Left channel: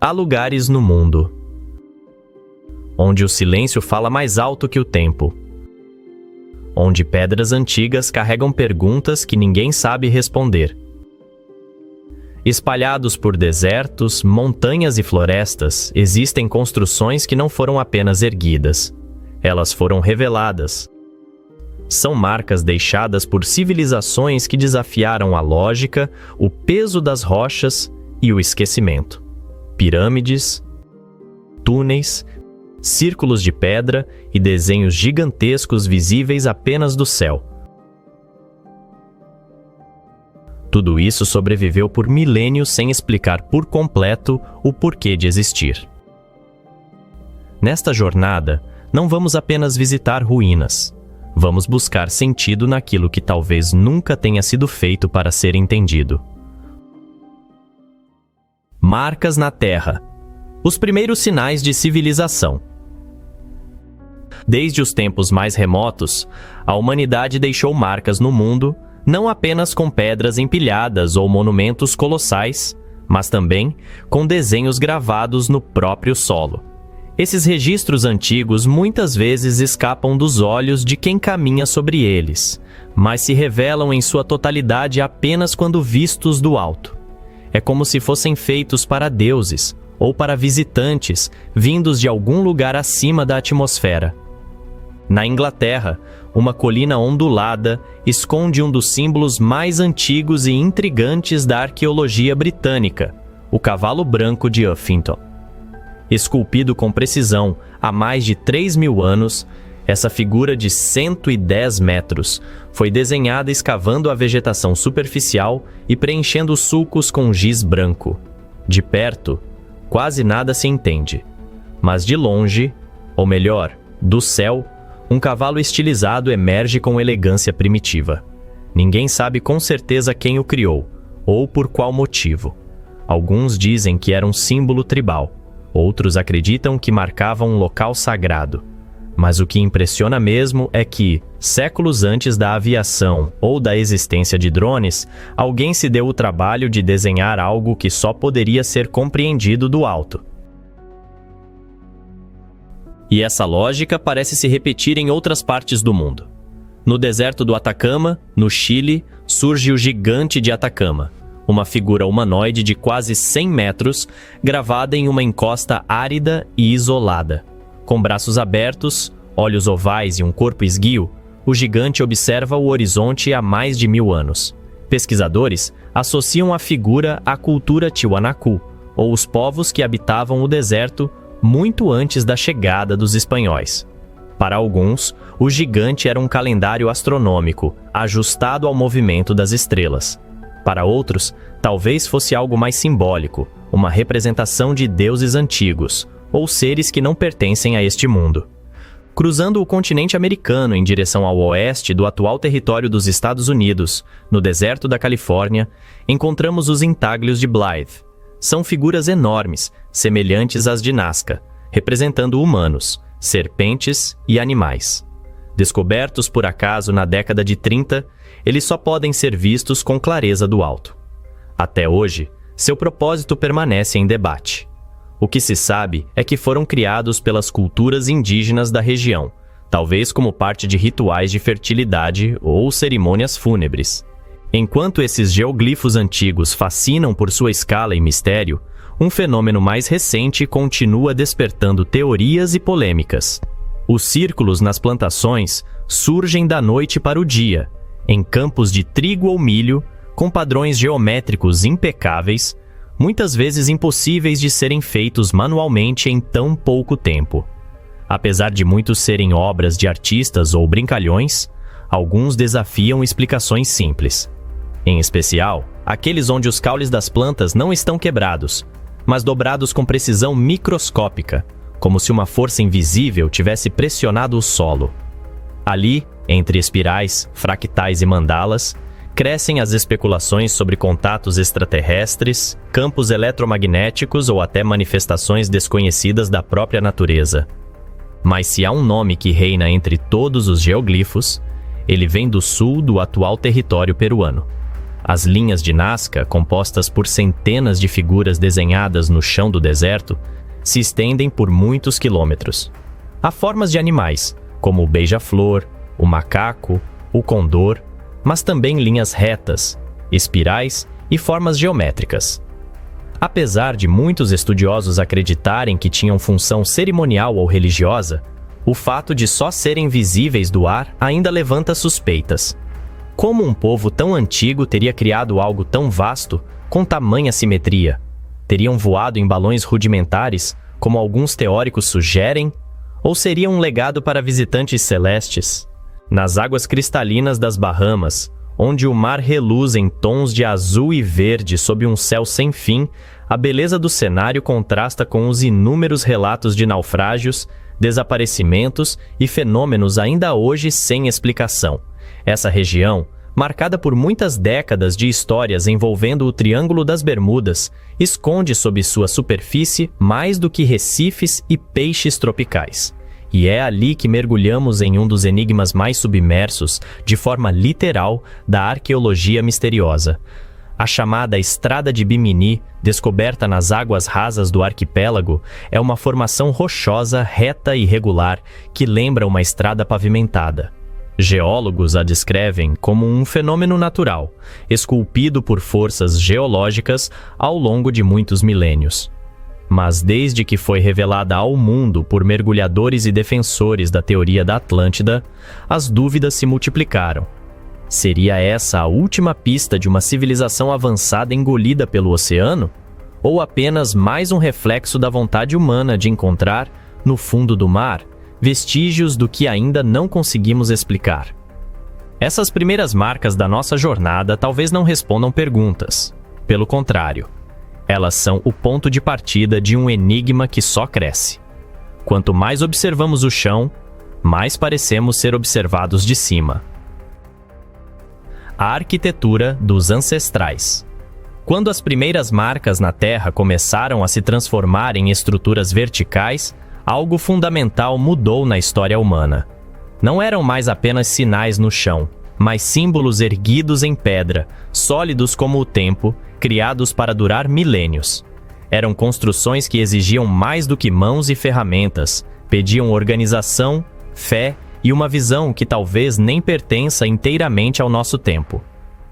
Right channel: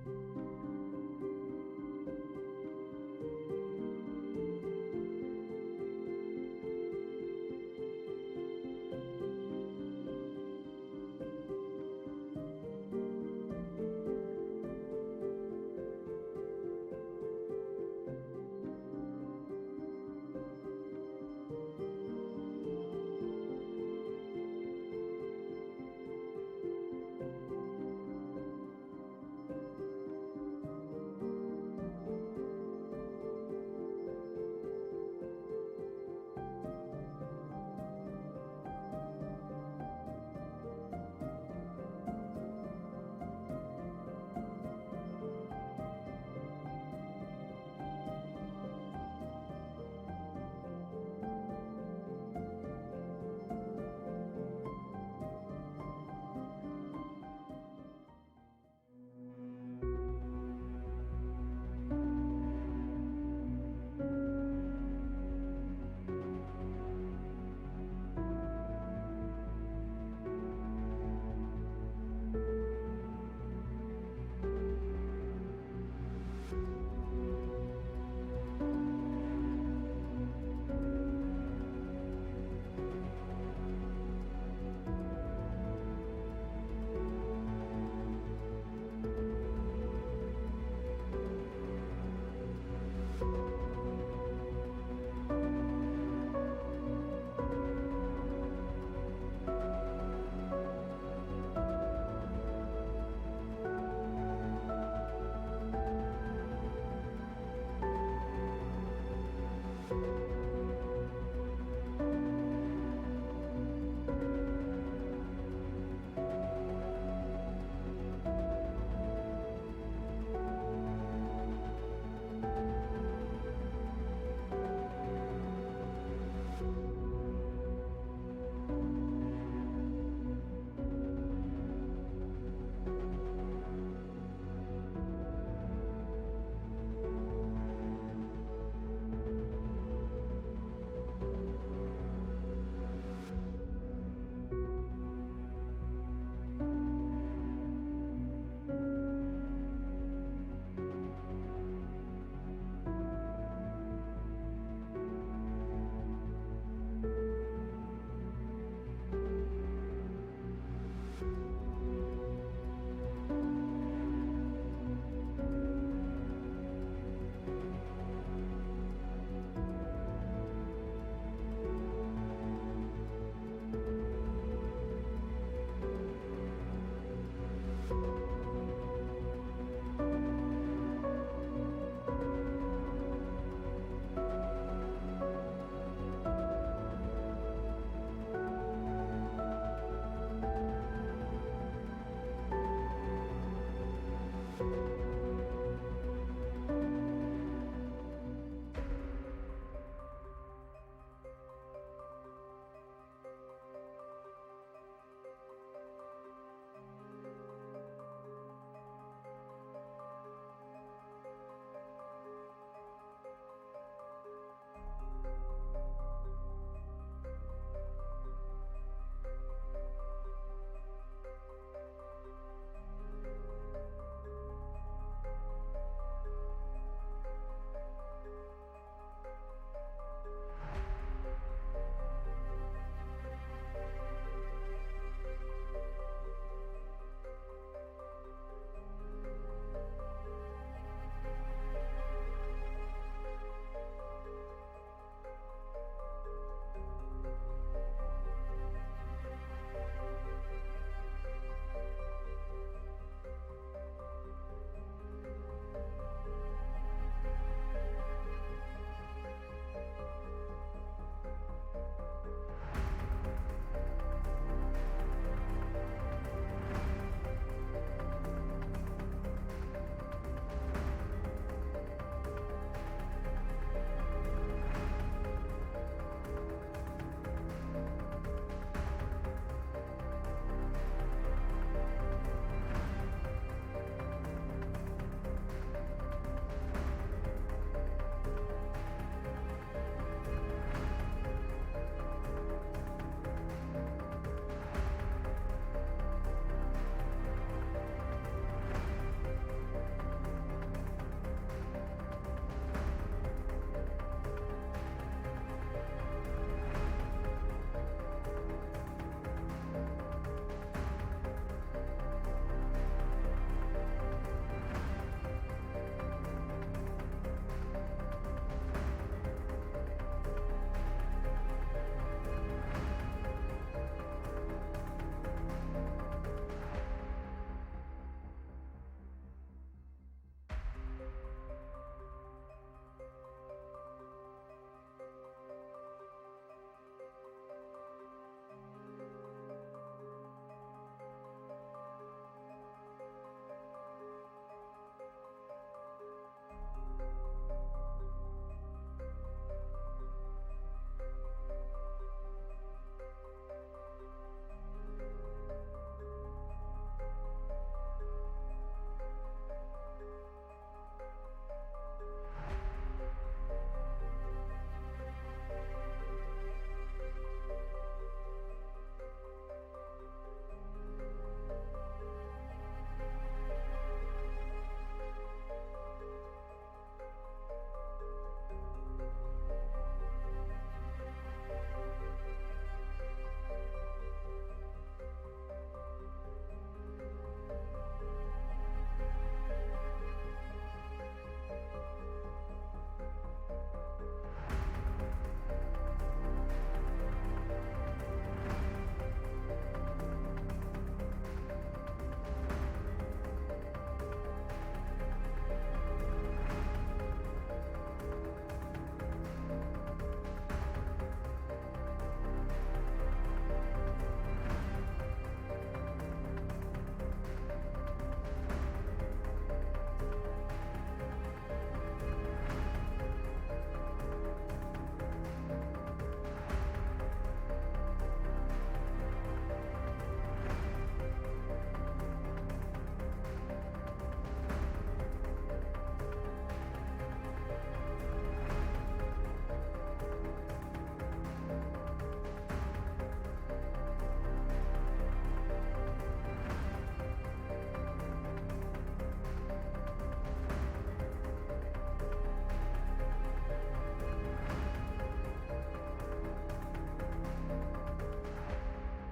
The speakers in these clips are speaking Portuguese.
Há lugares no mundo onde o silêncio fala mais alto que o tempo, onde pedras antigas carregam perguntas que ninguém sabe responder. Espalhados por desertos, montanhas e florestas, existem construções que não foram apenas erguidas. Elas foram reveladas. São marcas deixadas por civilizações que desafiaram a lógica, o peso das rochas e o esquecimento. Pirâmides, túneis, círculos de pedra e desenhos gigantescos visíveis apenas do céu. Tudo isso sobreviveu por milênios sem explicar por completo o porquê de existir. Nesta jornada, não vamos apenas visitar ruínas. Vamos buscar sentido naquilo que talvez nunca tenha sido feito para ser entendido. Marcas na Terra. Os primeiros sinais de civilização. Desde os tempos mais remotos, a humanidade deixou marcas no mundo, não apenas com pedras empilhadas ou monumentos colossais, mas também com desenhos gravados no próprio solo. Esses registros antigos muitas vezes escapam dos olhos de quem caminha sobre eles, mas se revelam em sua totalidade apenas quando vistos do alto. É como se fossem feitos para deuses ou para visitantes vindos de algum lugar acima da atmosfera. Na Inglaterra, uma colina ondulada esconde um dos símbolos mais antigos e intrigantes da arqueologia britânica, o cavalo branco de Uffington. Esculpido com precisão há mais de 3.000 anos, essa figura de 110 metros foi desenhada escavando a vegetação superficial e preenchendo os sulcos com giz branco. De perto, quase nada se entende, mas de longe, ou melhor, do céu, um cavalo estilizado emerge com elegância primitiva. Ninguém sabe com certeza quem o criou, ou por qual motivo. Alguns dizem que era um símbolo tribal, outros acreditam que marcava um local sagrado. Mas o que impressiona mesmo é que, séculos antes da aviação ou da existência de drones, alguém se deu o trabalho de desenhar algo que só poderia ser compreendido do alto. E essa lógica parece se repetir em outras partes do mundo. No deserto do Atacama, no Chile, surge o Gigante de Atacama, uma figura humanoide de quase 100 metros, gravada em uma encosta árida e isolada. Com braços abertos, olhos ovais e um corpo esguio, o gigante observa o horizonte há mais de 1000 anos. Pesquisadores associam a figura à cultura Tiwanaku, ou os povos que habitavam o deserto muito antes da chegada dos espanhóis. Para alguns, o gigante era um calendário astronômico, ajustado ao movimento das estrelas. Para outros, talvez fosse algo mais simbólico, uma representação de deuses antigos, ou seres que não pertencem a este mundo. Cruzando o continente americano em direção ao oeste do atual território dos Estados Unidos, no deserto da Califórnia, encontramos os intáglios de Blythe. São figuras enormes, semelhantes às de Nazca, representando humanos, serpentes e animais. Descobertos por acaso na década de 30, eles só podem ser vistos com clareza do alto. Até hoje, seu propósito permanece em debate. O que se sabe é que foram criados pelas culturas indígenas da região, talvez como parte de rituais de fertilidade ou cerimônias fúnebres. Enquanto esses geoglifos antigos fascinam por sua escala e mistério, um fenômeno mais recente continua despertando teorias e polêmicas. Os círculos nas plantações surgem da noite para o dia, em campos de trigo ou milho, com padrões geométricos impecáveis, muitas vezes impossíveis de serem feitos manualmente em tão pouco tempo. Apesar de muitos serem obras de artistas ou brincalhões, alguns desafiam explicações simples. Em especial, aqueles onde os caules das plantas não estão quebrados, mas dobrados com precisão microscópica, como se uma força invisível tivesse pressionado o solo. Ali, entre espirais, fractais e mandalas, crescem as especulações sobre contatos extraterrestres, campos eletromagnéticos ou até manifestações desconhecidas da própria natureza. Mas se há um nome que reina entre todos os geoglifos, ele vem do sul do atual território peruano. As linhas de Nazca, compostas por centenas de figuras desenhadas no chão do deserto, se estendem por muitos quilômetros. Há formas de animais, como o beija-flor, o macaco, o condor, mas também linhas retas, espirais e formas geométricas. Apesar de muitos estudiosos acreditarem que tinham função cerimonial ou religiosa, o fato de só serem visíveis do ar ainda levanta suspeitas. Como um povo tão antigo teria criado algo tão vasto, com tamanha simetria? Teriam voado em balões rudimentares, como alguns teóricos sugerem? Ou seria um legado para visitantes celestes? Nas águas cristalinas das Bahamas, onde o mar reluz em tons de azul e verde sob um céu sem fim, a beleza do cenário contrasta com os inúmeros relatos de naufrágios, desaparecimentos e fenômenos ainda hoje sem explicação. Essa região, marcada por muitas décadas de histórias envolvendo o Triângulo das Bermudas, esconde sob sua superfície mais do que recifes e peixes tropicais. E é ali que mergulhamos em um dos enigmas mais submersos, de forma literal, da arqueologia misteriosa. A chamada Estrada de Bimini, descoberta nas águas rasas do arquipélago, é uma formação rochosa, reta e regular que lembra uma estrada pavimentada. Geólogos a descrevem como um fenômeno natural, esculpido por forças geológicas ao longo de muitos milênios. Mas desde que foi revelada ao mundo por mergulhadores e defensores da teoria da Atlântida, as dúvidas se multiplicaram. Seria essa a última pista de uma civilização avançada engolida pelo oceano? Ou apenas mais um reflexo da vontade humana de encontrar, no fundo do mar, vestígios do que ainda não conseguimos explicar? Essas primeiras marcas da nossa jornada talvez não respondam perguntas. Pelo contrário, elas são o ponto de partida de um enigma que só cresce. Quanto mais observamos o chão, mais parecemos ser observados de cima. A arquitetura dos ancestrais. Quando as primeiras marcas na Terra começaram a se transformar em estruturas verticais, algo fundamental mudou na história humana. Não eram mais apenas sinais no chão, mas símbolos erguidos em pedra, sólidos como o tempo, criados para durar milênios. Eram construções que exigiam mais do que mãos e ferramentas, pediam organização, fé e uma visão que talvez nem pertença inteiramente ao nosso tempo.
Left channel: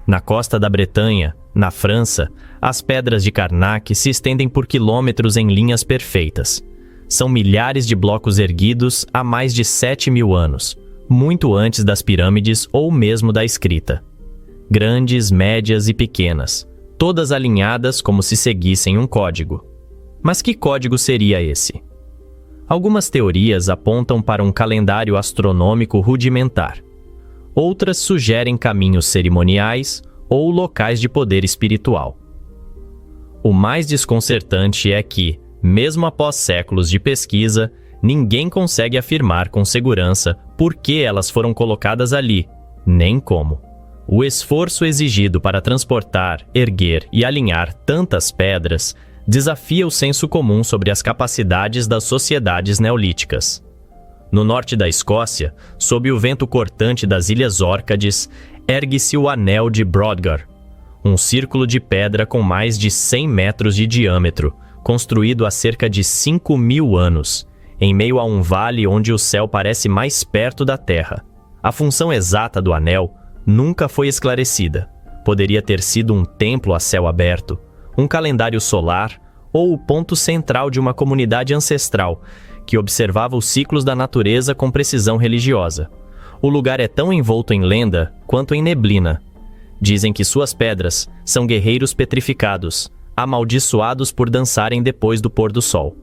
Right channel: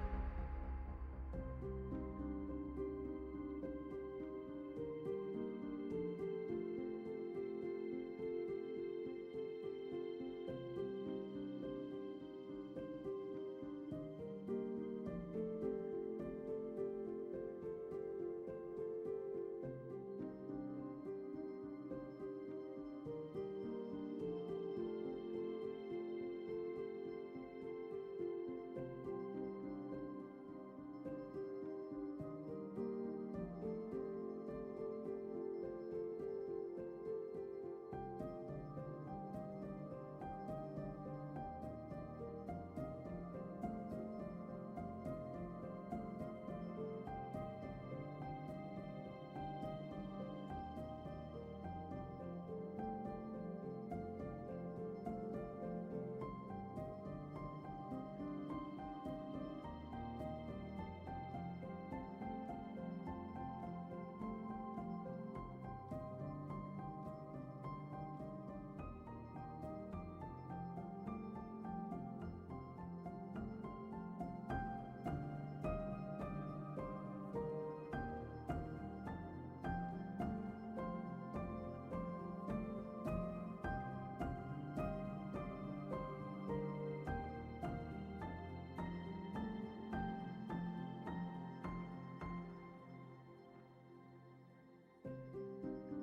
Na costa da Bretanha, na França, as pedras de Karnak se estendem por quilômetros em linhas perfeitas. São milhares de blocos erguidos há mais de 7.000 anos, muito antes das pirâmides ou mesmo da escrita. Grandes, médias e pequenas, todas alinhadas como se seguissem um código. Mas que código seria esse? Algumas teorias apontam para um calendário astronômico rudimentar. Outras sugerem caminhos cerimoniais ou locais de poder espiritual. O mais desconcertante é que, mesmo após séculos de pesquisa, ninguém consegue afirmar com segurança por que elas foram colocadas ali, nem como. O esforço exigido para transportar, erguer e alinhar tantas pedras desafia o senso comum sobre as capacidades das sociedades neolíticas. No norte da Escócia, sob o vento cortante das Ilhas Órcades, ergue-se o Anel de Brodgar, um círculo de pedra com mais de 100 metros de diâmetro, construído há cerca de 5.000 anos, em meio a um vale onde o céu parece mais perto da terra. A função exata do anel nunca foi esclarecida. Poderia ter sido um templo a céu aberto, um calendário solar ou o ponto central de uma comunidade ancestral que observava os ciclos da natureza com precisão religiosa. O lugar é tão envolto em lenda quanto em neblina. Dizem que suas pedras são guerreiros petrificados, amaldiçoados por dançarem depois do pôr do sol.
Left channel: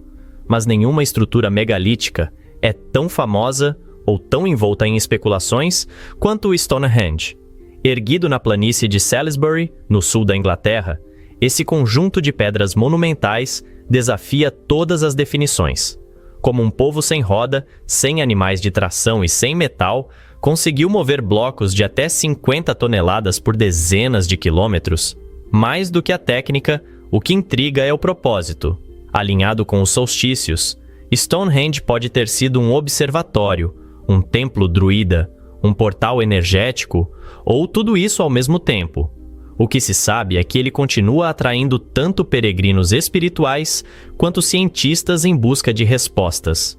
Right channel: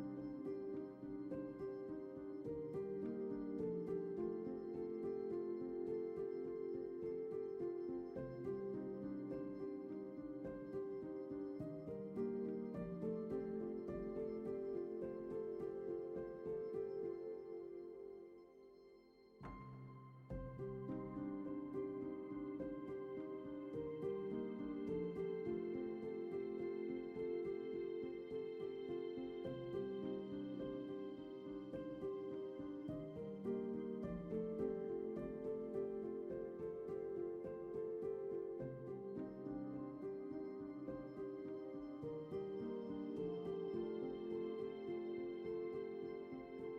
Mas nenhuma estrutura megalítica é tão famosa ou tão envolta em especulações quanto o Stonehenge. Erguido na planície de Salisbury, no sul da Inglaterra, esse conjunto de pedras monumentais desafia todas as definições. Como um povo sem roda, sem animais de tração e sem metal, conseguiu mover blocos de até 50 toneladas por dezenas de quilômetros. Mais do que a técnica, o que intriga é o propósito. Alinhado com os solstícios, Stonehenge pode ter sido um observatório, um templo druida, um portal energético, ou tudo isso ao mesmo tempo. O que se sabe é que ele continua atraindo tanto peregrinos espirituais quanto cientistas em busca de respostas.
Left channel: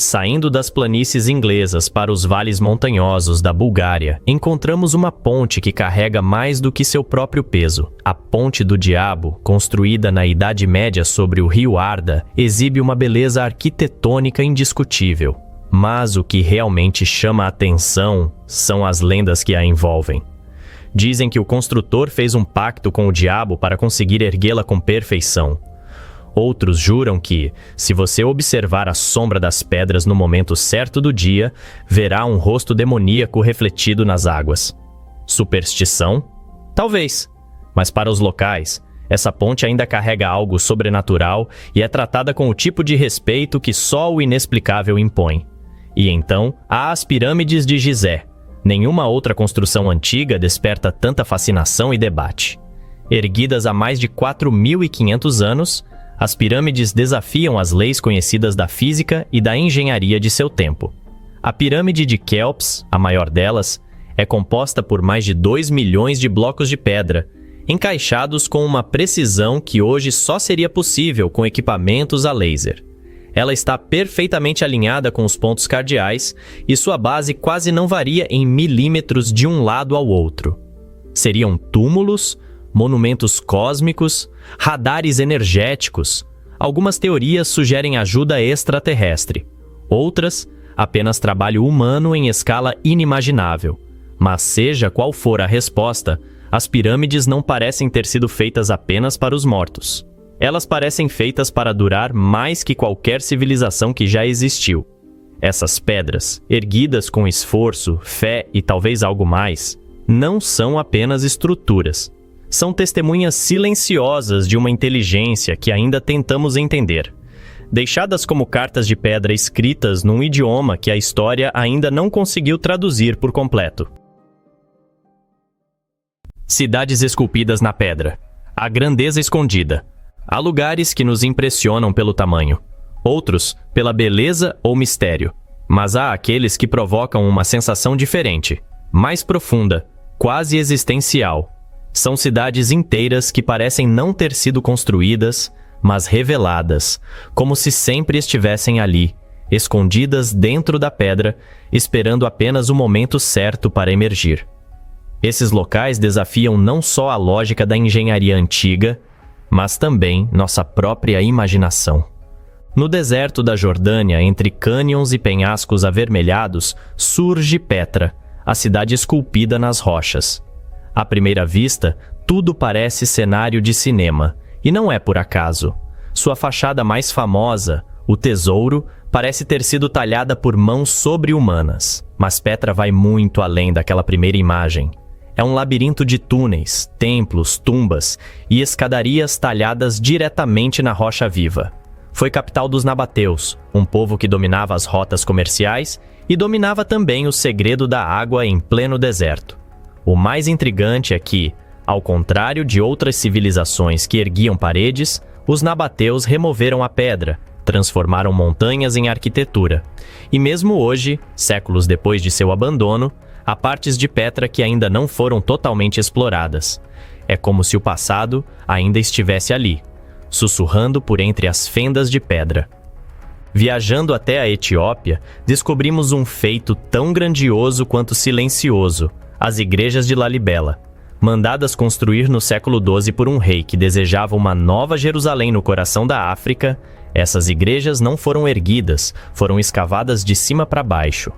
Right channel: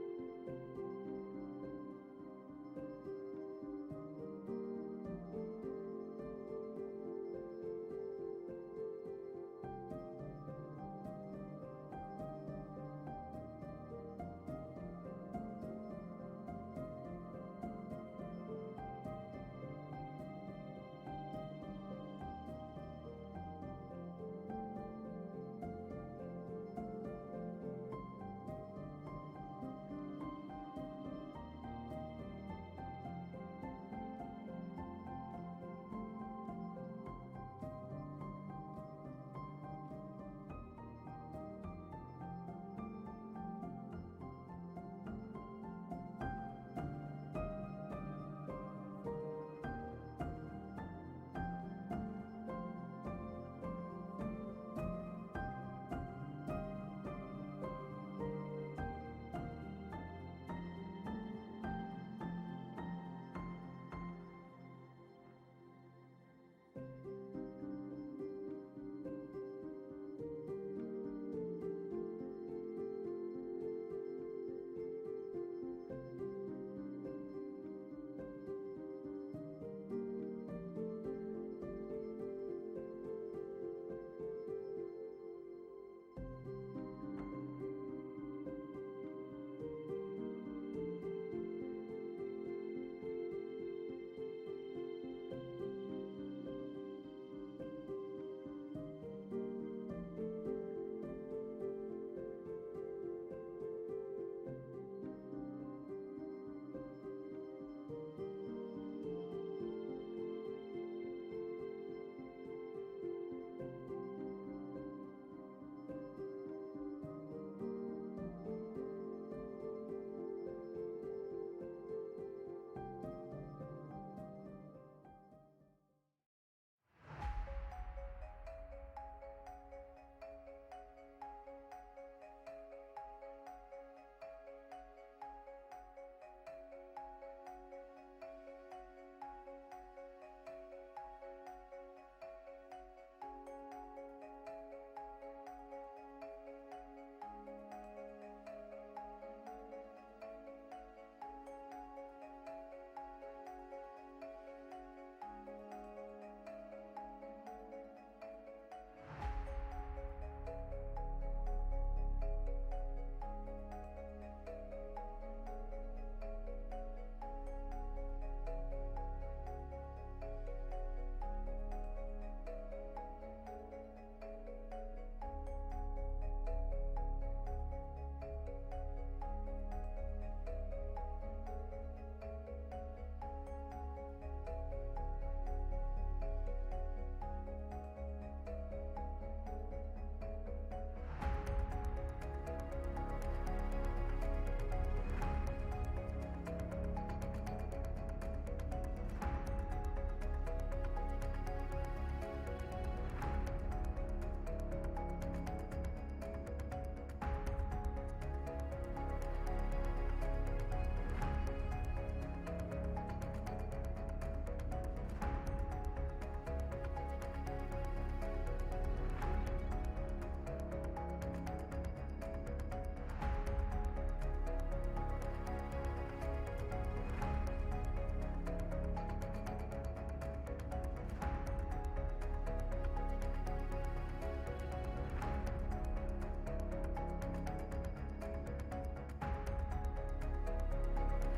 Saindo das planícies inglesas para os vales montanhosos da Bulgária, encontramos uma ponte que carrega mais do que seu próprio peso. A Ponte do Diabo, construída na Idade Média sobre o rio Arda, exibe uma beleza arquitetônica indiscutível. Mas o que realmente chama a atenção são as lendas que a envolvem. Dizem que o construtor fez um pacto com o diabo para conseguir erguê-la com perfeição. Outros juram que, se você observar a sombra das pedras no momento certo do dia, verá um rosto demoníaco refletido nas águas. Superstição? Talvez. Mas para os locais, essa ponte ainda carrega algo sobrenatural e é tratada com o tipo de respeito que só o inexplicável impõe. E então, há as pirâmides de Gizé. Nenhuma outra construção antiga desperta tanta fascinação e debate. Erguidas há mais de 4.500 anos, as pirâmides desafiam as leis conhecidas da física e da engenharia de seu tempo. A pirâmide de Quéops, a maior delas, é composta por mais de 2 milhões de blocos de pedra, encaixados com uma precisão que hoje só seria possível com equipamentos a laser. Ela está perfeitamente alinhada com os pontos cardeais e sua base quase não varia em milímetros de um lado ao outro. Seriam túmulos, monumentos cósmicos, radares energéticos. Algumas teorias sugerem ajuda extraterrestre. Outras, apenas trabalho humano em escala inimaginável. Mas seja qual for a resposta, as pirâmides não parecem ter sido feitas apenas para os mortos. Elas parecem feitas para durar mais que qualquer civilização que já existiu. Essas pedras, erguidas com esforço, fé e talvez algo mais, não são apenas estruturas. São testemunhas silenciosas de uma inteligência que ainda tentamos entender. Deixadas como cartas de pedra escritas num idioma que a história ainda não conseguiu traduzir por completo. Cidades esculpidas na pedra. A grandeza escondida. Há lugares que nos impressionam pelo tamanho, outros pela beleza ou mistério. Mas há aqueles que provocam uma sensação diferente, mais profunda, quase existencial. São cidades inteiras que parecem não ter sido construídas, mas reveladas, como se sempre estivessem ali, escondidas dentro da pedra, esperando apenas o momento certo para emergir. Esses locais desafiam não só a lógica da engenharia antiga, mas também nossa própria imaginação. No deserto da Jordânia, entre cânions e penhascos avermelhados, surge Petra, a cidade esculpida nas rochas. À primeira vista, tudo parece cenário de cinema, e não é por acaso. Sua fachada mais famosa, o Tesouro, parece ter sido talhada por mãos sobre-humanas. Mas Petra vai muito além daquela primeira imagem. É um labirinto de túneis, templos, tumbas e escadarias talhadas diretamente na rocha viva. Foi capital dos nabateus, um povo que dominava as rotas comerciais e dominava também o segredo da água em pleno deserto. O mais intrigante é que, ao contrário de outras civilizações que erguiam paredes, os nabateus removeram a pedra, transformaram montanhas em arquitetura. E mesmo hoje, séculos depois de seu abandono, há partes de Petra que ainda não foram totalmente exploradas. É como se o passado ainda estivesse ali, sussurrando por entre as fendas de pedra. Viajando até a Etiópia, descobrimos um feito tão grandioso quanto silencioso: as igrejas de Lalibela. Mandadas construir no século XII por um rei que desejava uma nova Jerusalém no coração da África, essas igrejas não foram erguidas, foram escavadas de cima para baixo.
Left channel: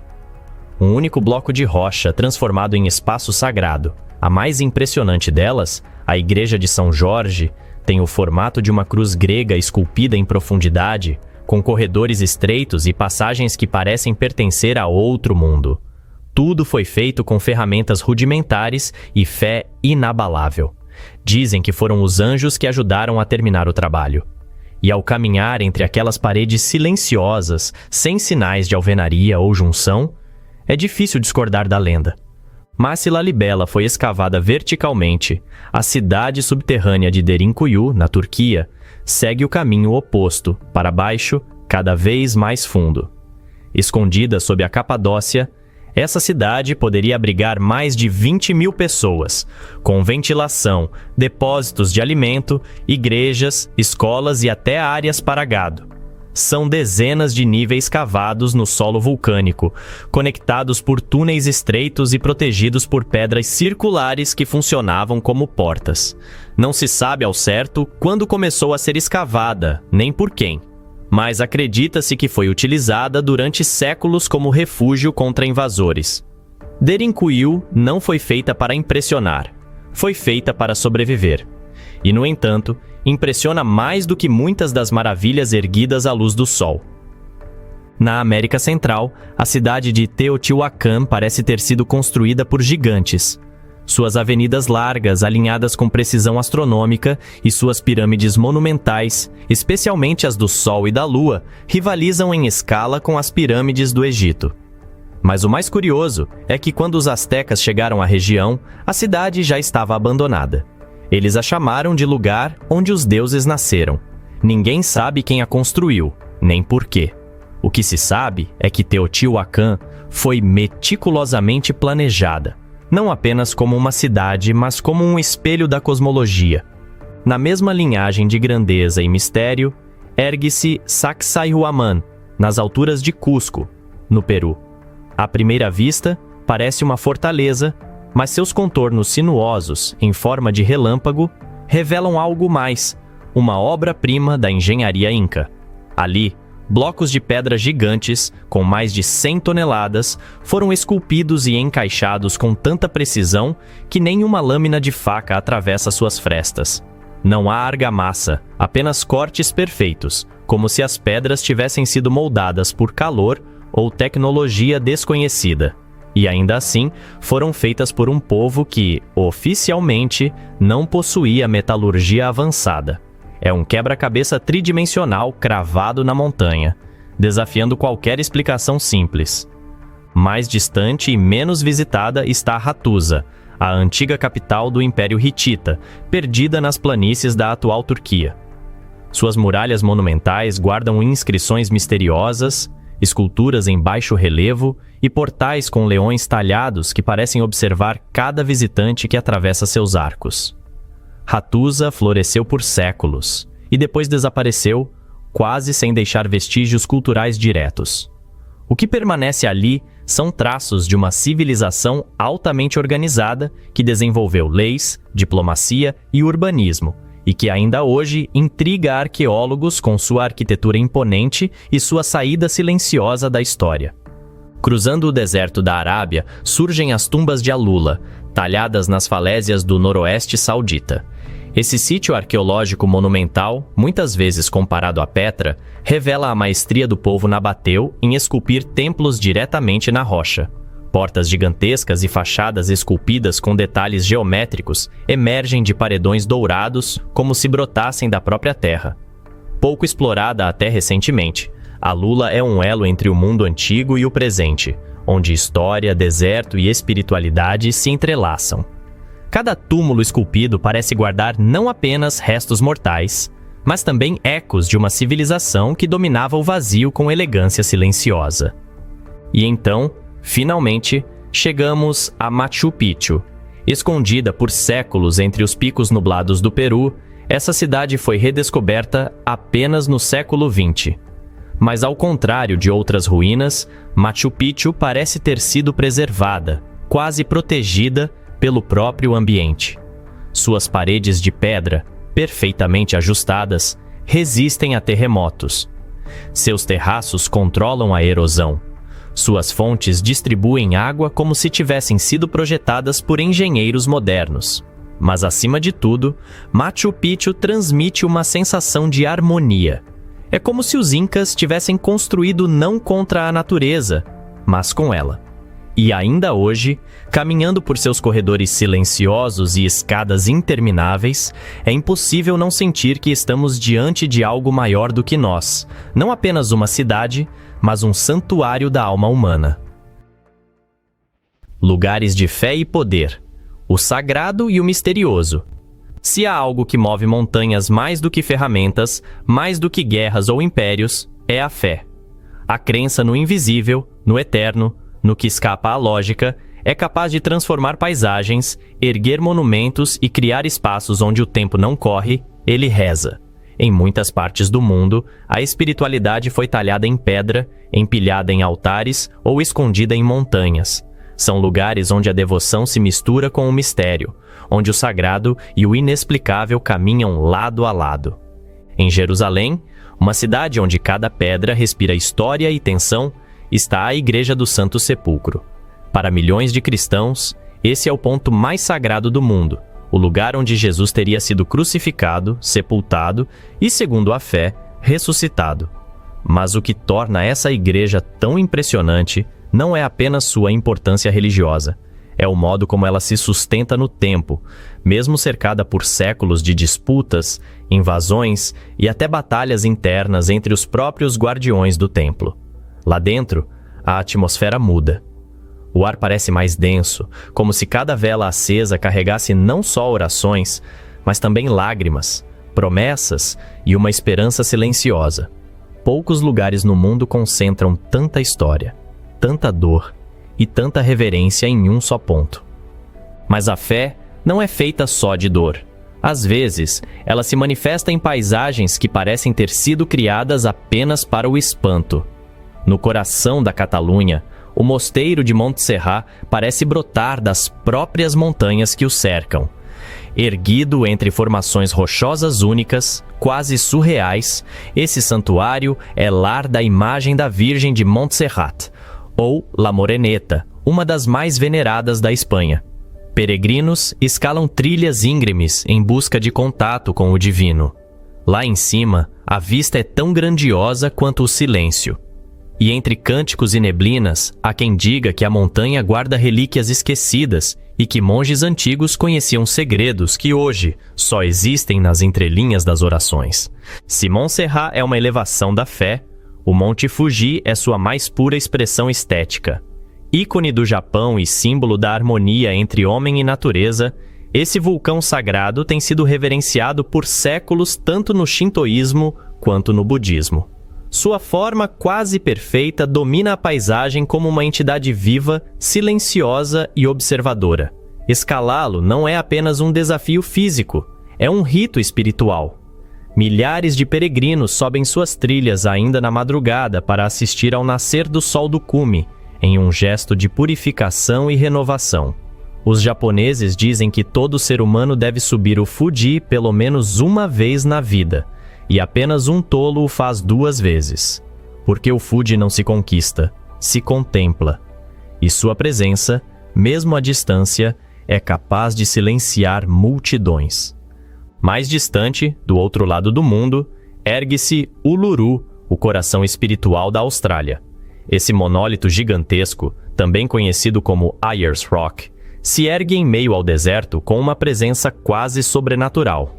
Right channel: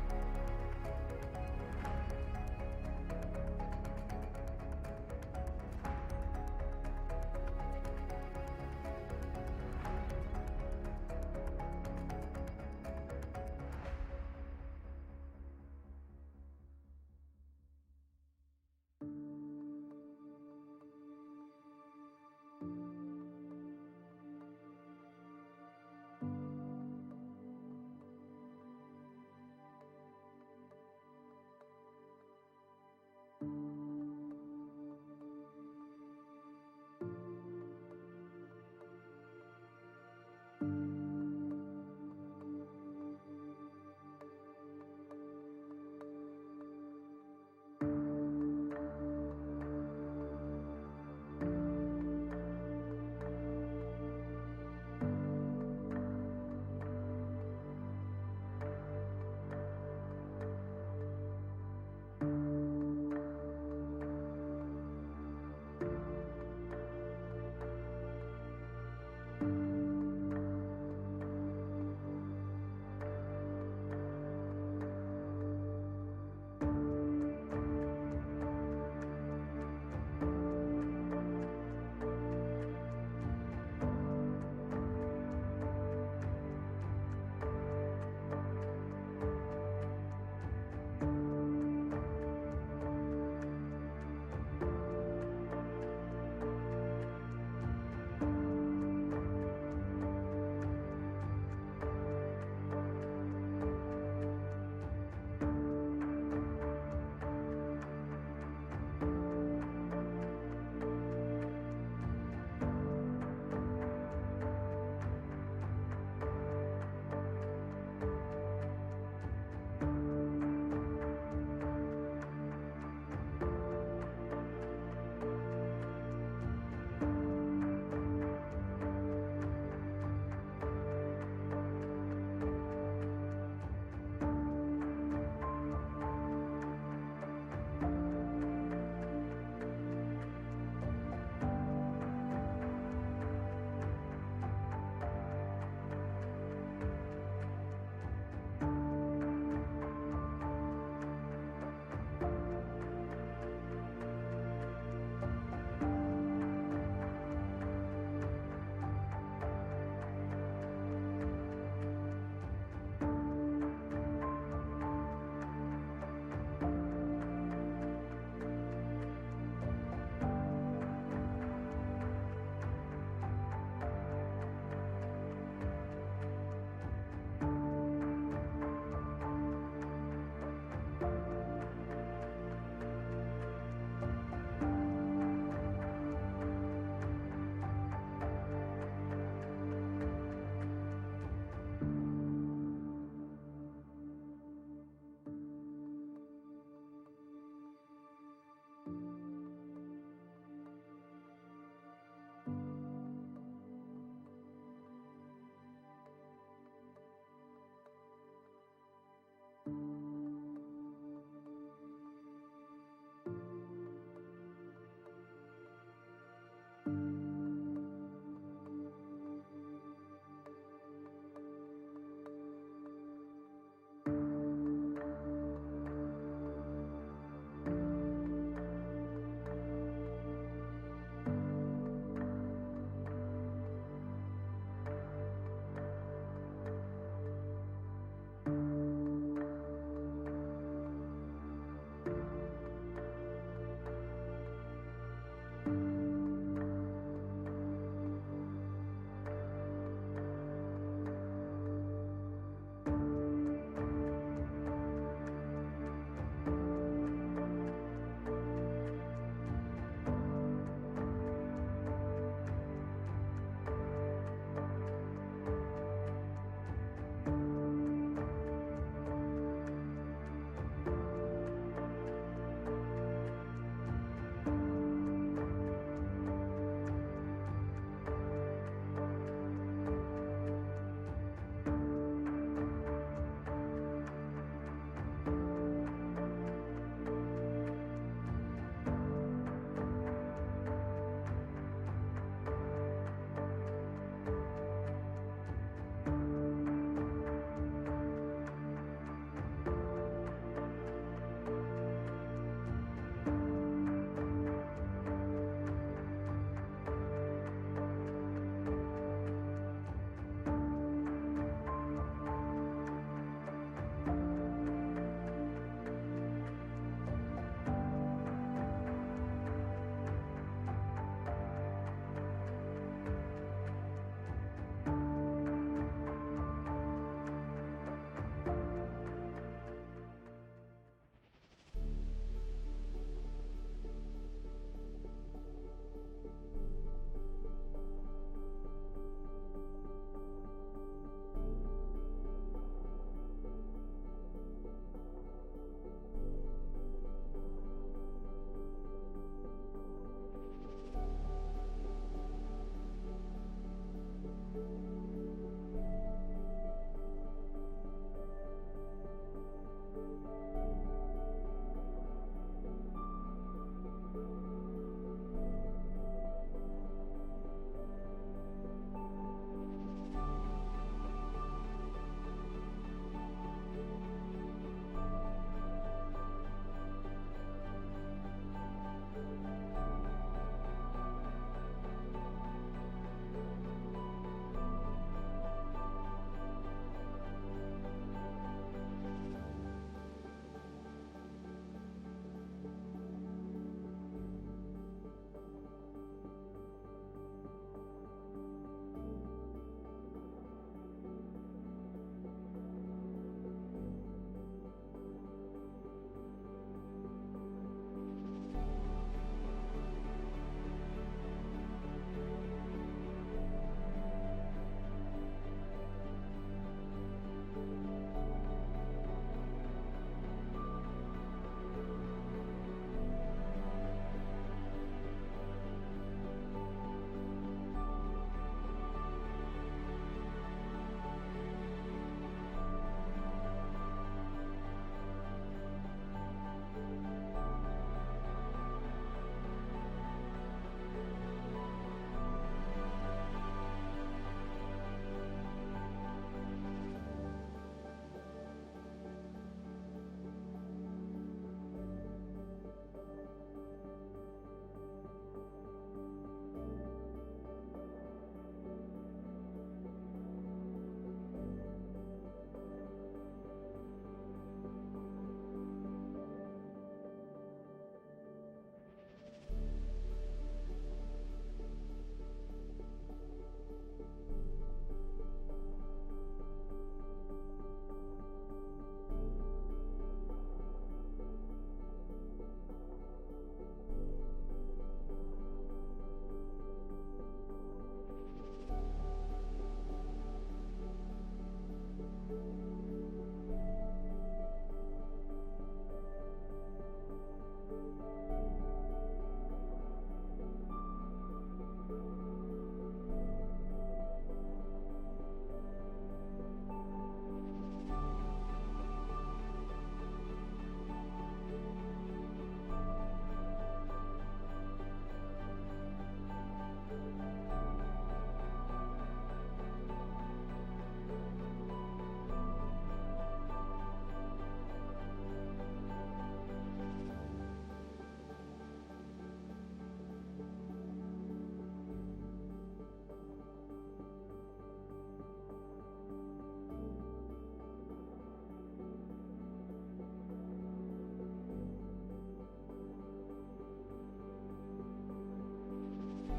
Um único bloco de rocha transformado em espaço sagrado. A mais impressionante delas, a Igreja de São Jorge, tem o formato de uma cruz grega esculpida em profundidade, com corredores estreitos e passagens que parecem pertencer a outro mundo. Tudo foi feito com ferramentas rudimentares e fé inabalável. Dizem que foram os anjos que ajudaram a terminar o trabalho. E ao caminhar entre aquelas paredes silenciosas, sem sinais de alvenaria ou junção, é difícil discordar da lenda. Mas se Lalibela foi escavada verticalmente, a cidade subterrânea de Derinkuyu, na Turquia, segue o caminho oposto, para baixo, cada vez mais fundo. Escondida sob a Capadócia, essa cidade poderia abrigar mais de 20.000 pessoas, com ventilação, depósitos de alimento, igrejas, escolas e até áreas para gado. São dezenas de níveis cavados no solo vulcânico, conectados por túneis estreitos e protegidos por pedras circulares que funcionavam como portas. Não se sabe ao certo quando começou a ser escavada, nem por quem, mas acredita-se que foi utilizada durante séculos como refúgio contra invasores. Derinkuyu não foi feita para impressionar, foi feita para sobreviver. E, no entanto, impressiona mais do que muitas das maravilhas erguidas à luz do sol. Na América Central, a cidade de Teotihuacan parece ter sido construída por gigantes. Suas avenidas largas, alinhadas com precisão astronômica, e suas pirâmides monumentais, especialmente as do Sol e da Lua, rivalizam em escala com as pirâmides do Egito. Mas o mais curioso é que quando os astecas chegaram à região, a cidade já estava abandonada. Eles a chamaram de lugar onde os deuses nasceram. Ninguém sabe quem a construiu, nem por quê. O que se sabe é que Teotihuacan foi meticulosamente planejada, não apenas como uma cidade, mas como um espelho da cosmologia. Na mesma linhagem de grandeza e mistério, ergue-se Sacsayhuaman, nas alturas de Cusco, no Peru. À primeira vista, parece uma fortaleza, mas seus contornos sinuosos, em forma de relâmpago, revelam algo mais, uma obra-prima da engenharia inca. Ali, blocos de pedra gigantes, com mais de 100 toneladas, foram esculpidos e encaixados com tanta precisão que nenhuma lâmina de faca atravessa suas frestas. Não há argamassa, apenas cortes perfeitos, como se as pedras tivessem sido moldadas por calor ou tecnologia desconhecida. E ainda assim, foram feitas por um povo que, oficialmente, não possuía metalurgia avançada. É um quebra-cabeça tridimensional cravado na montanha, desafiando qualquer explicação simples. Mais distante e menos visitada está Hattusa, a antiga capital do Império Hitita, perdida nas planícies da atual Turquia. Suas muralhas monumentais guardam inscrições misteriosas, esculturas em baixo relevo e portais com leões talhados que parecem observar cada visitante que atravessa seus arcos. Hattusa floresceu por séculos e depois desapareceu, quase sem deixar vestígios culturais diretos. O que permanece ali são traços de uma civilização altamente organizada que desenvolveu leis, diplomacia e urbanismo, e que ainda hoje intriga arqueólogos com sua arquitetura imponente e sua saída silenciosa da história. Cruzando o deserto da Arábia, surgem as tumbas de Alula, talhadas nas falésias do noroeste saudita. Esse sítio arqueológico monumental, muitas vezes comparado a Petra, revela a maestria do povo nabateu em esculpir templos diretamente na rocha. Portas gigantescas e fachadas esculpidas com detalhes geométricos emergem de paredões dourados como se brotassem da própria terra. Pouco explorada até recentemente, Alula é um elo entre o mundo antigo e o presente, onde história, deserto e espiritualidade se entrelaçam. Cada túmulo esculpido parece guardar não apenas restos mortais, mas também ecos de uma civilização que dominava o vazio com elegância silenciosa. E então, finalmente, chegamos a Machu Picchu. Escondida por séculos entre os picos nublados do Peru, essa cidade foi redescoberta apenas no século XX. Mas ao contrário de outras ruínas, Machu Picchu parece ter sido preservada, quase protegida pelo próprio ambiente. Suas paredes de pedra, perfeitamente ajustadas, resistem a terremotos. Seus terraços controlam a erosão. Suas fontes distribuem água como se tivessem sido projetadas por engenheiros modernos. Mas, acima de tudo, Machu Picchu transmite uma sensação de harmonia. É como se os incas tivessem construído não contra a natureza, mas com ela. E ainda hoje, caminhando por seus corredores silenciosos e escadas intermináveis, é impossível não sentir que estamos diante de algo maior do que nós, não apenas uma cidade, mas um santuário da alma humana. Lugares de fé e poder, o sagrado e o misterioso. Se há algo que move montanhas mais do que ferramentas, mais do que guerras ou impérios, é a fé. A crença no invisível, no eterno, no que escapa à lógica, é capaz de transformar paisagens, erguer monumentos e criar espaços onde o tempo não corre, ele reza. Em muitas partes do mundo, a espiritualidade foi talhada em pedra, empilhada em altares ou escondida em montanhas. São lugares onde a devoção se mistura com o mistério, onde o sagrado e o inexplicável caminham lado a lado. Em Jerusalém, uma cidade onde cada pedra respira história e tensão, está a Igreja do Santo Sepulcro. Para milhões de cristãos, esse é o ponto mais sagrado do mundo, o lugar onde Jesus teria sido crucificado, sepultado e, segundo a fé, ressuscitado. Mas o que torna essa igreja tão impressionante não é apenas sua importância religiosa, é o modo como ela se sustenta no tempo, mesmo cercada por séculos de disputas, invasões e até batalhas internas entre os próprios guardiões do templo. Lá dentro, a atmosfera muda. O ar parece mais denso, como se cada vela acesa carregasse não só orações, mas também lágrimas, promessas e uma esperança silenciosa. Poucos lugares no mundo concentram tanta história, tanta dor e tanta reverência em um só ponto. Mas a fé não é feita só de dor. Às vezes, ela se manifesta em paisagens que parecem ter sido criadas apenas para o espanto. No coração da Catalunha, o mosteiro de Montserrat parece brotar das próprias montanhas que o cercam. Erguido entre formações rochosas únicas, quase surreais, esse santuário é lar da imagem da Virgem de Montserrat, ou La Moreneta, uma das mais veneradas da Espanha. Peregrinos escalam trilhas íngremes em busca de contato com o divino. Lá em cima, a vista é tão grandiosa quanto o silêncio. E entre cânticos e neblinas, há quem diga que a montanha guarda relíquias esquecidas e que monges antigos conheciam segredos que hoje só existem nas entrelinhas das orações. Se Montserrat é uma elevação da fé, o Monte Fuji é sua mais pura expressão estética. Ícone do Japão e símbolo da harmonia entre homem e natureza, esse vulcão sagrado tem sido reverenciado por séculos tanto no shintoísmo quanto no budismo. Sua forma quase perfeita domina a paisagem como uma entidade viva, silenciosa e observadora. Escalá-lo não é apenas um desafio físico, é um rito espiritual. Milhares de peregrinos sobem suas trilhas ainda na madrugada para assistir ao nascer do sol do cume, em um gesto de purificação e renovação. Os japoneses dizem que todo ser humano deve subir o Fuji pelo menos uma vez na vida, e apenas um tolo o faz 2 vezes. Porque o Fuji não se conquista, se contempla. E sua presença, mesmo à distância, é capaz de silenciar multidões. Mais distante, do outro lado do mundo, ergue-se Uluru, o coração espiritual da Austrália. Esse monólito gigantesco, também conhecido como Ayers Rock, se ergue em meio ao deserto com uma presença quase sobrenatural.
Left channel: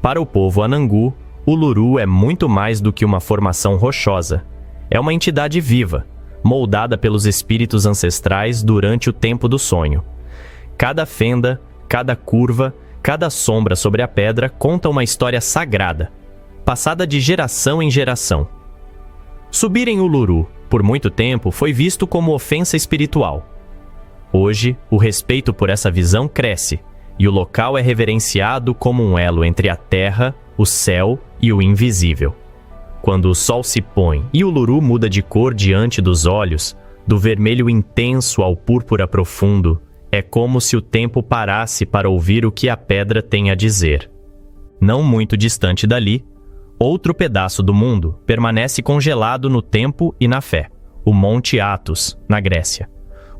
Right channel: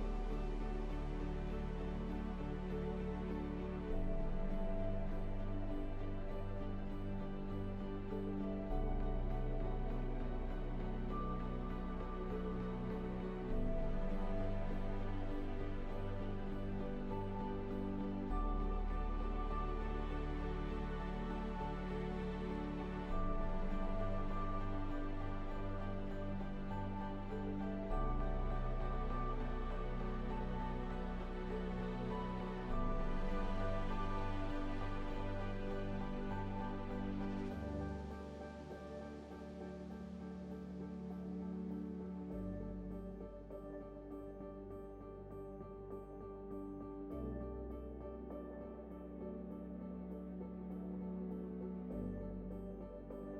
Para o povo Anangu, Uluru é muito mais do que uma formação rochosa. É uma entidade viva, moldada pelos espíritos ancestrais durante o tempo do sonho. Cada fenda, cada curva, cada sombra sobre a pedra conta uma história sagrada, passada de geração em geração. Subir em Uluru, por muito tempo, foi visto como ofensa espiritual. Hoje, o respeito por essa visão cresce, e o local é reverenciado como um elo entre a terra, o céu e o invisível. Quando o sol se põe e Uluru muda de cor diante dos olhos, do vermelho intenso ao púrpura profundo, é como se o tempo parasse para ouvir o que a pedra tem a dizer. Não muito distante dali, outro pedaço do mundo permanece congelado no tempo e na fé, o Monte Athos, na Grécia.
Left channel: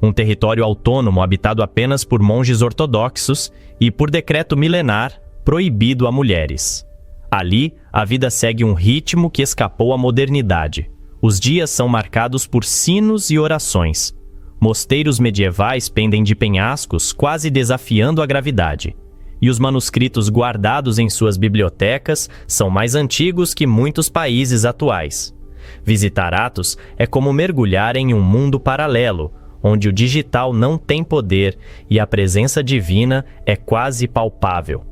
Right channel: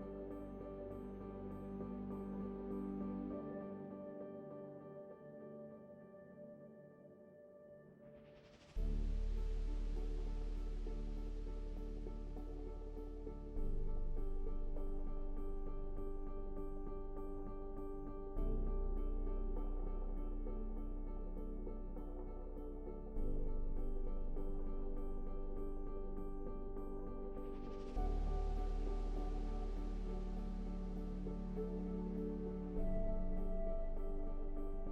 Um território autônomo habitado apenas por monges ortodoxos e, por decreto milenar, proibido a mulheres. Ali, a vida segue um ritmo que escapou à modernidade. Os dias são marcados por sinos e orações. Mosteiros medievais pendem de penhascos, quase desafiando a gravidade. E os manuscritos guardados em suas bibliotecas são mais antigos que muitos países atuais. Visitar Athos é como mergulhar em um mundo paralelo, onde o digital não tem poder e a presença divina é quase palpável.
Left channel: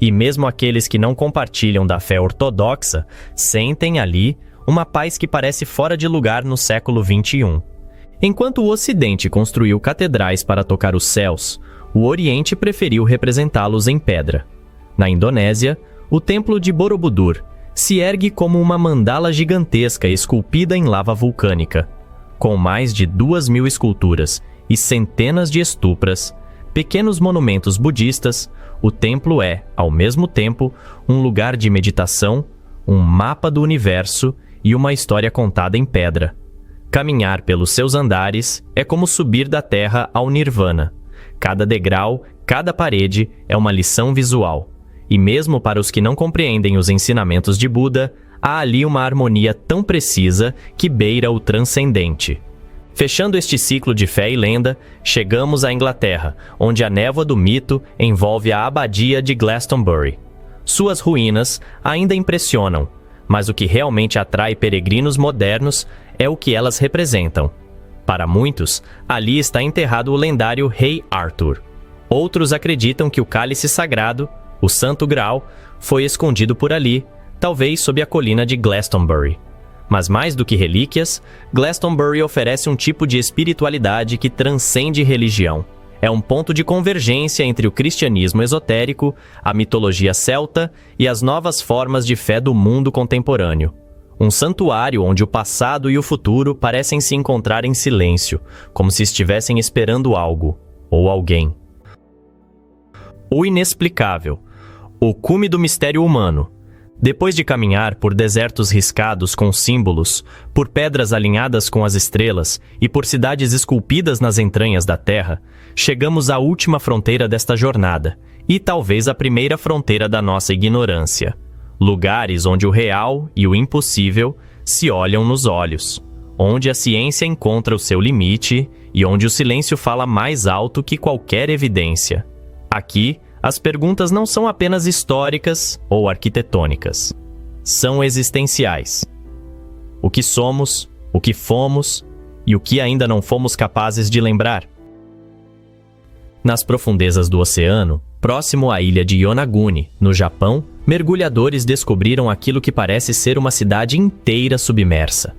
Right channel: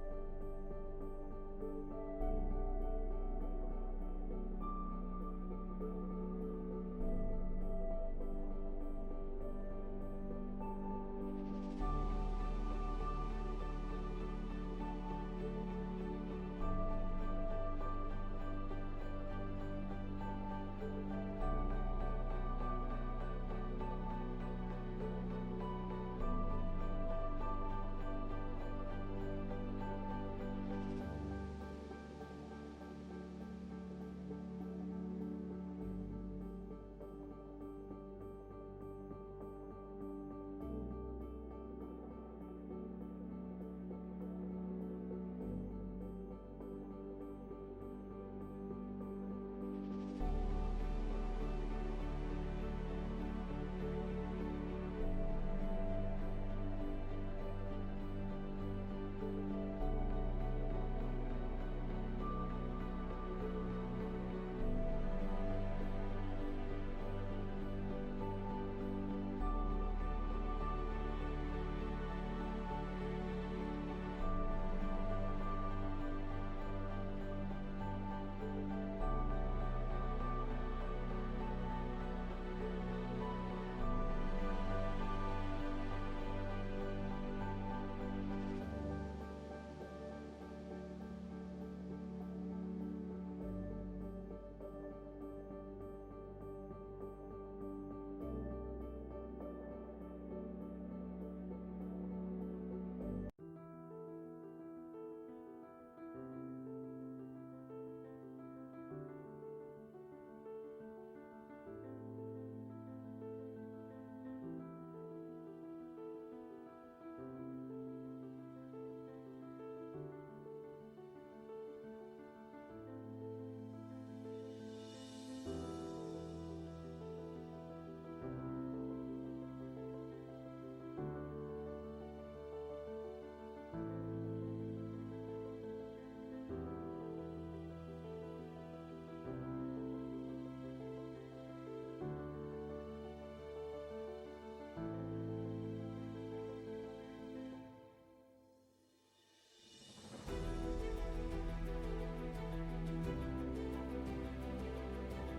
E mesmo aqueles que não compartilham da fé ortodoxa sentem ali uma paz que parece fora de lugar no século XXI. Enquanto o Ocidente construiu catedrais para tocar os céus, o Oriente preferiu representá-los em pedra. Na Indonésia, o Templo de Borobudur se ergue como uma mandala gigantesca esculpida em lava vulcânica. Com mais de 2.000 esculturas e centenas de estupras, pequenos monumentos budistas, o templo é, ao mesmo tempo, um lugar de meditação, um mapa do universo e uma história contada em pedra. Caminhar pelos seus andares é como subir da terra ao nirvana. Cada degrau, cada parede é uma lição visual. E mesmo para os que não compreendem os ensinamentos de Buda, há ali uma harmonia tão precisa que beira o transcendente. Fechando este ciclo de fé e lenda, chegamos à Inglaterra, onde a névoa do mito envolve a abadia de Glastonbury. Suas ruínas ainda impressionam, mas o que realmente atrai peregrinos modernos é o que elas representam. Para muitos, ali está enterrado o lendário Rei Arthur. Outros acreditam que o cálice sagrado, o Santo Graal, foi escondido por ali, talvez sob a colina de Glastonbury. Mas mais do que relíquias, Glastonbury oferece um tipo de espiritualidade que transcende religião. É um ponto de convergência entre o cristianismo esotérico, a mitologia celta e as novas formas de fé do mundo contemporâneo. Um santuário onde o passado e o futuro parecem se encontrar em silêncio, como se estivessem esperando algo ou alguém. O inexplicável. O cume do mistério humano. Depois de caminhar por desertos riscados com símbolos, por pedras alinhadas com as estrelas e por cidades esculpidas nas entranhas da terra, chegamos à última fronteira desta jornada e talvez a primeira fronteira da nossa ignorância. Lugares onde o real e o impossível se olham nos olhos, onde a ciência encontra o seu limite e onde o silêncio fala mais alto que qualquer evidência. Aqui, as perguntas não são apenas históricas ou arquitetônicas. São existenciais. O que somos, o que fomos e o que ainda não fomos capazes de lembrar. Nas profundezas do oceano, próximo à ilha de Yonaguni, no Japão, mergulhadores descobriram aquilo que parece ser uma cidade inteira submersa.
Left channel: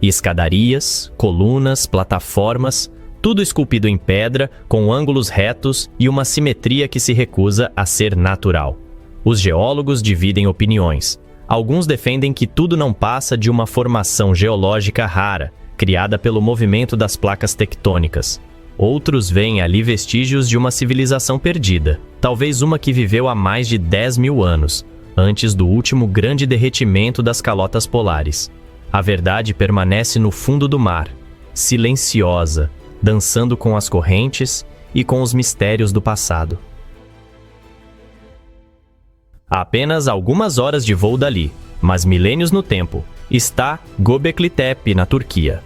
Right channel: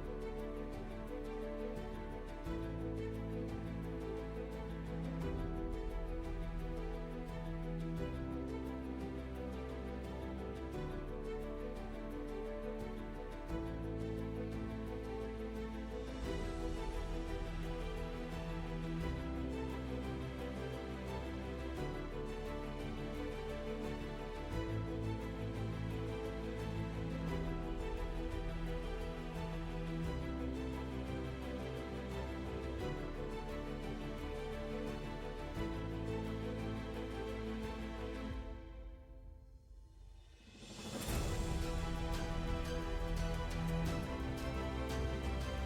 Escadarias, colunas, plataformas, tudo esculpido em pedra, com ângulos retos e uma simetria que se recusa a ser natural. Os geólogos dividem opiniões. Alguns defendem que tudo não passa de uma formação geológica rara, criada pelo movimento das placas tectônicas. Outros veem ali vestígios de uma civilização perdida, talvez uma que viveu há mais de 10.000 anos, antes do último grande derretimento das calotas polares. A verdade permanece no fundo do mar, silenciosa, dançando com as correntes e com os mistérios do passado. A apenas algumas horas de voo dali, mas milênios no tempo, está Göbekli Tepe, na Turquia.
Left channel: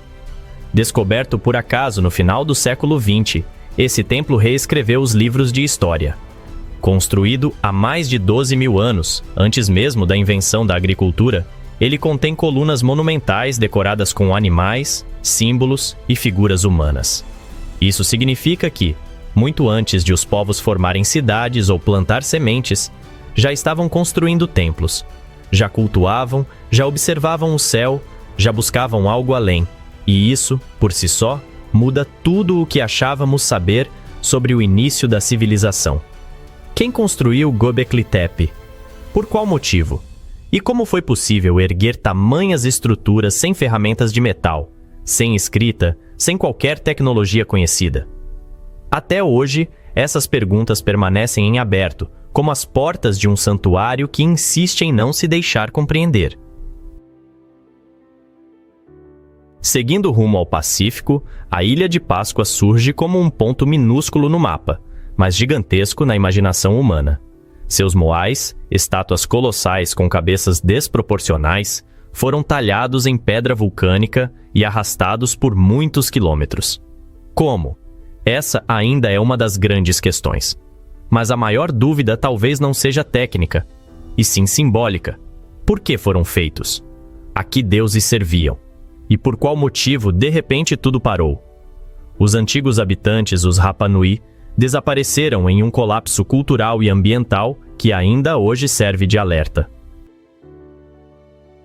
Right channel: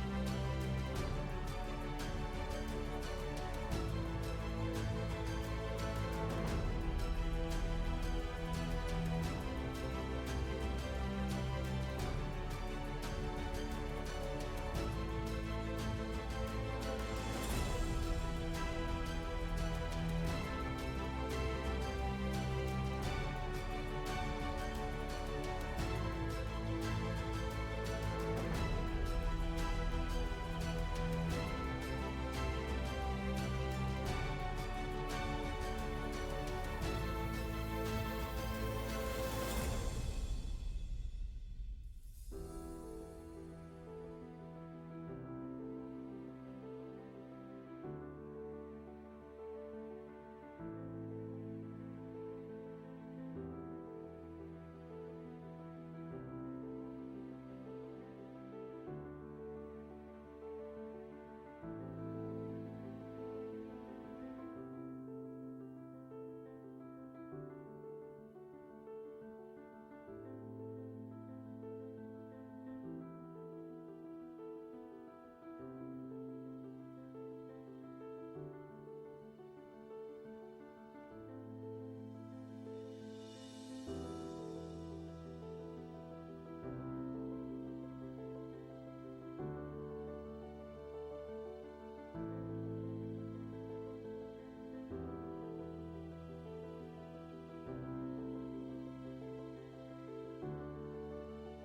Descoberto por acaso no final do século XX, esse templo reescreveu os livros de história. Construído há mais de 12.000 anos, antes mesmo da invenção da agricultura, ele contém colunas monumentais decoradas com animais, símbolos e figuras humanas. Isso significa que, muito antes de os povos formarem cidades ou plantar sementes, já estavam construindo templos, já cultuavam, já observavam o céu, já buscavam algo além. E isso, por si só, muda tudo o que achávamos saber sobre o início da civilização. Quem construiu Göbekli Tepe? Por qual motivo? E como foi possível erguer tamanhas estruturas sem ferramentas de metal, sem escrita, sem qualquer tecnologia conhecida? Até hoje, essas perguntas permanecem em aberto, como as portas de um santuário que insiste em não se deixar compreender. Seguindo rumo ao Pacífico, a Ilha de Páscoa surge como um ponto minúsculo no mapa, mas gigantesco na imaginação humana. Seus moais, estátuas colossais com cabeças desproporcionais, foram talhados em pedra vulcânica e arrastados por muitos quilômetros. Como? Essa ainda é uma das grandes questões. Mas a maior dúvida talvez não seja técnica, e sim simbólica. Por que foram feitos? A que deuses serviam? E por qual motivo, de repente, tudo parou? Os antigos habitantes, os Rapa Nui, desapareceram em um colapso cultural e ambiental que ainda hoje serve de alerta.